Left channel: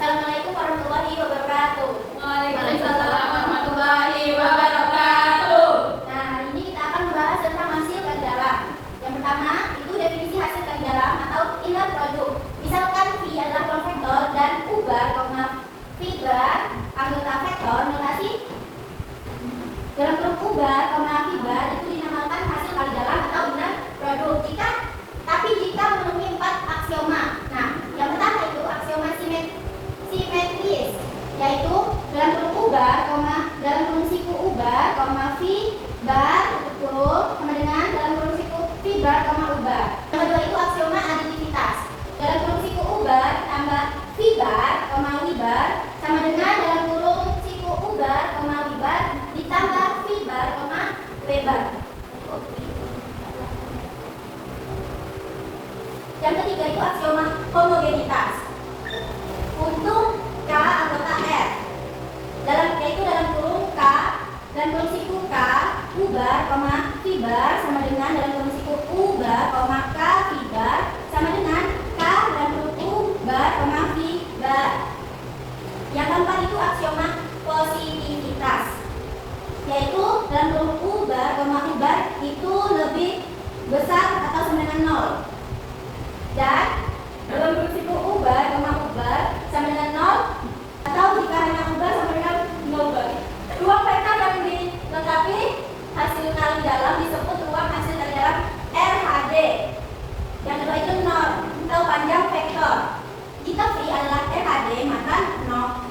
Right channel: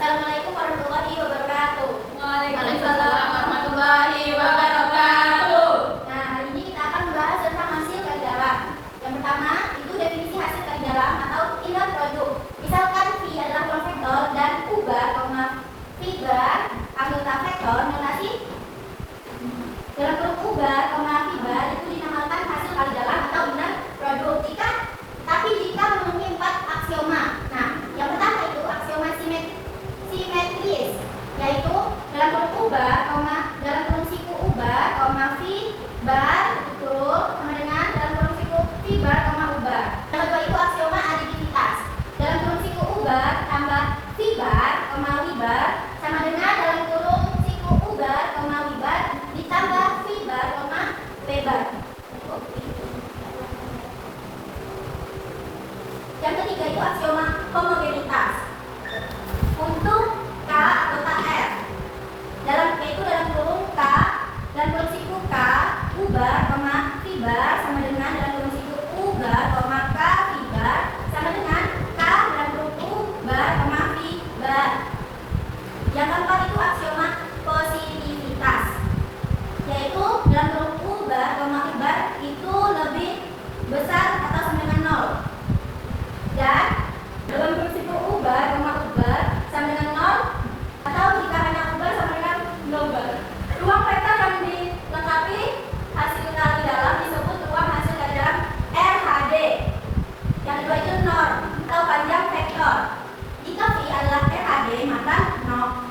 Assalamualaikum warahmatullahi wabarakatuh. Waalaikumsalam warahmatullahi wabarakatuh. Nah, hari ini kita akan membahas tentang hasil kali dalam. Yang pertama, itu definisi hasil kali dalam atau inlet produk. Misalkan V adalah konvektor dan U bar, V bar, anggota vektor notasi dalam bentuk U bar, V bar itu dinamakan hasil kali dalam atau inlet produk. Jika memenuhi 4 aksioma. Nah, yang pertama itu aksioma simetris, yaitu dalam bentuk U bar, dalam bentuk siku U bar, V bar kurung sama dengan dalam bentuk siku V bar, U bar. Yang kedua itu aksioma aditivitas. Dalam bentuk siku U bar tambah V bar, W bar sama dengan dalam kurung siku U bar, W bar ditambah V bar, W bar. Yang ketiga itu aksioma homogenitas. Untuk K anggota R, yaitu dalam kurung K dan kurung siku K U bar, V bar sama dengan dalam kurung siku U bar, K V bar sama dengan K dalam kurung U bar, V bar. Yang keempat itu aksioma positivitas, yaitu dalam kurung U bar, V bar itu lebih besar atau sama dengan 0. Dan dalam bentuk siku U bar, U bar sama dengan 0 atau jika hanya U bar sama dengan 0 bar. Ruang vektor yang dilengkapi hasil kali dalam disebut ruang hasil kali dalam RHD. Yang kedua itu norm atau panjang vektor. Jika V adalah RHD maka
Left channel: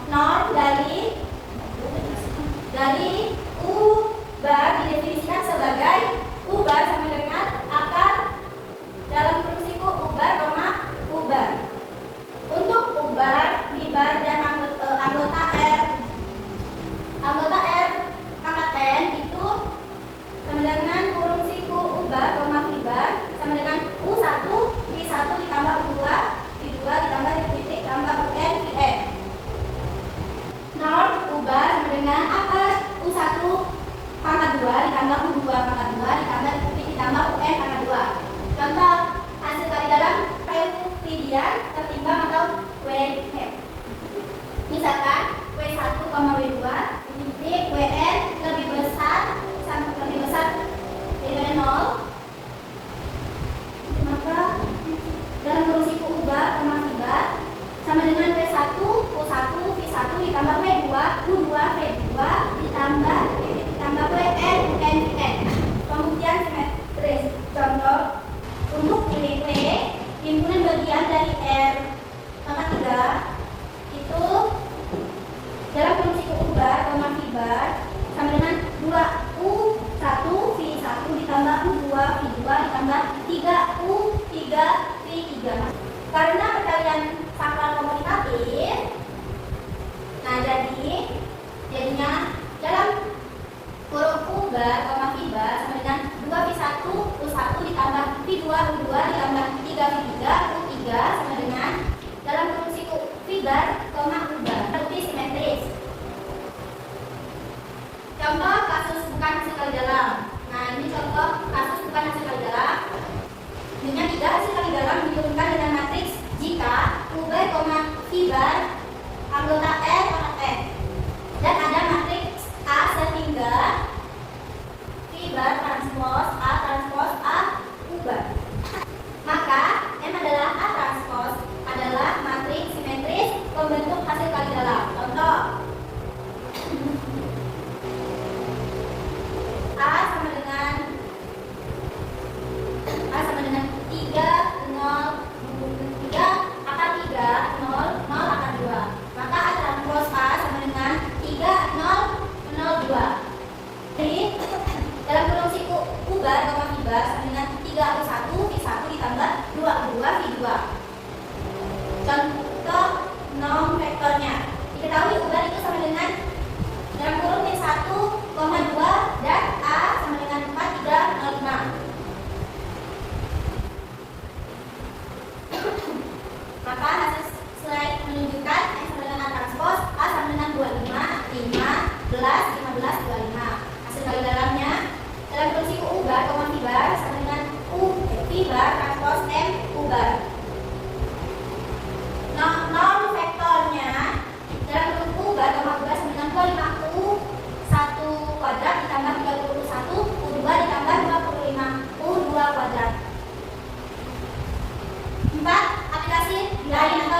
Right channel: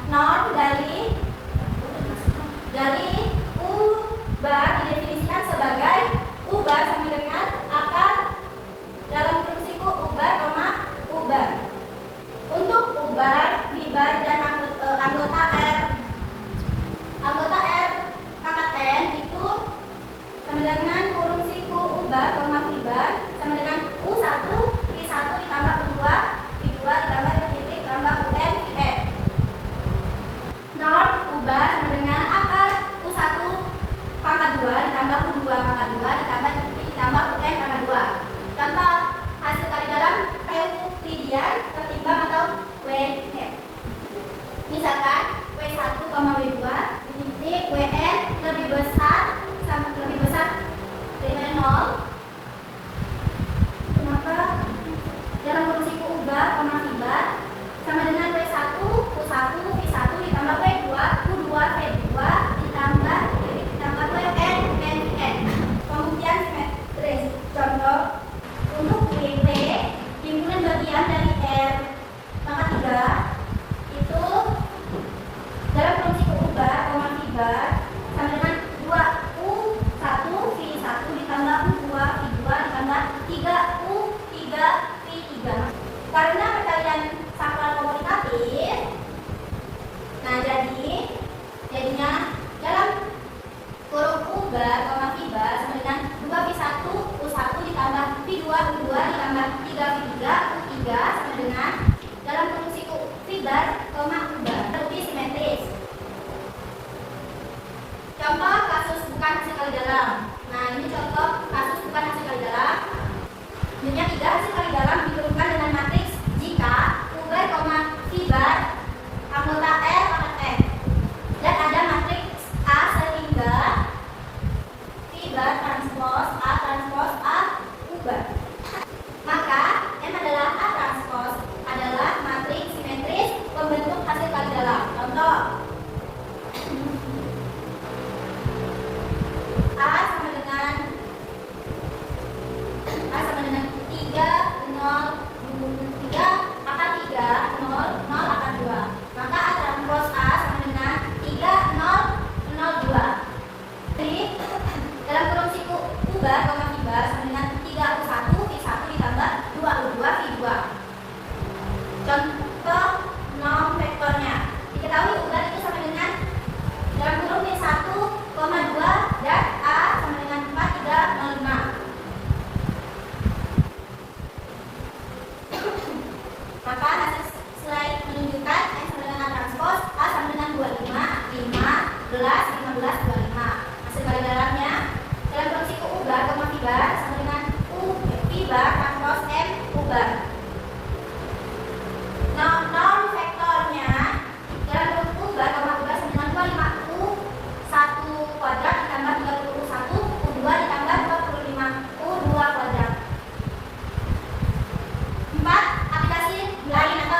norm dari U bar didefinisikan sebagai U bar sama dengan akar dalam bentuk siku U bar, U bar. Untuk U bar, V bar dan anggota R pangkat N itu sama dengan kurung siku U bar, V bar sama dengan U1, V1 ditambah U2, V2 ditambah titik tambah UN, VN. Norm U bar sama dengan akar U1 pangkat 2 ditambah U2 pangkat 2 ditambah titik ditambah UN pangkat 2. Contoh hasil kali dalam Euclidean tertimbang atau WN. Misalkan W1, W2 titik WN lebih besar dari 0, maka dalam kurung siku U bar, V bar sama dengan W1, U1, V1 ditambah W2, U2, V2 ditambah WN, UN. Pembuktian simetris. Contoh untuk WP, himpunan bagian dari R pangkat 3 itu dalam kurung siku U bar, V bar sama dengan 2U1 V1 ditambah U2 V2 ditambah 3U3 V3. Karena perkalian sakral komutatif, nah jadinya dalam kurung U bar, V bar sama dengan 2V1 U1 ditambah V2 U2 ditambah 3V3 U3 sama dengan dalam kurung siku V bar, U bar. Lebih simetris. Contoh kasus bukan hasil kali dalam. Nah, ini contoh kasus bukan hasil kali dalam. Punya 3 hasil kali dalam diturunkan dengan matriks jika U bar, V bar anggota R pangkat N dan ada matriks A sehingga V bar transpos A U bar. Maka M adalah A transpos adalah matriks simetris pembentuk hasil kali dalam. Contoh A sama dengan 3, akar 3, 0 akar 2. Maka A transpos A sama dengan 3, 0, 2. Jadi dalam kurung siku U bar, V bar sama dengan 3U1 V1 ditambah 2U2 V2. Contoh norm vektornya. Diketahui U bar itu sama dengan dalam kurung V1, 2 dan A sama dengan 4, 3, 0, 5. Maka hasil slide menunjukkan M sama dengan A transpos A sama dengan 25, 15, 25. Hasil kali dalamnya dalam kurung siku U bar, V bar sama dengan U 4. Aplikasi lain atau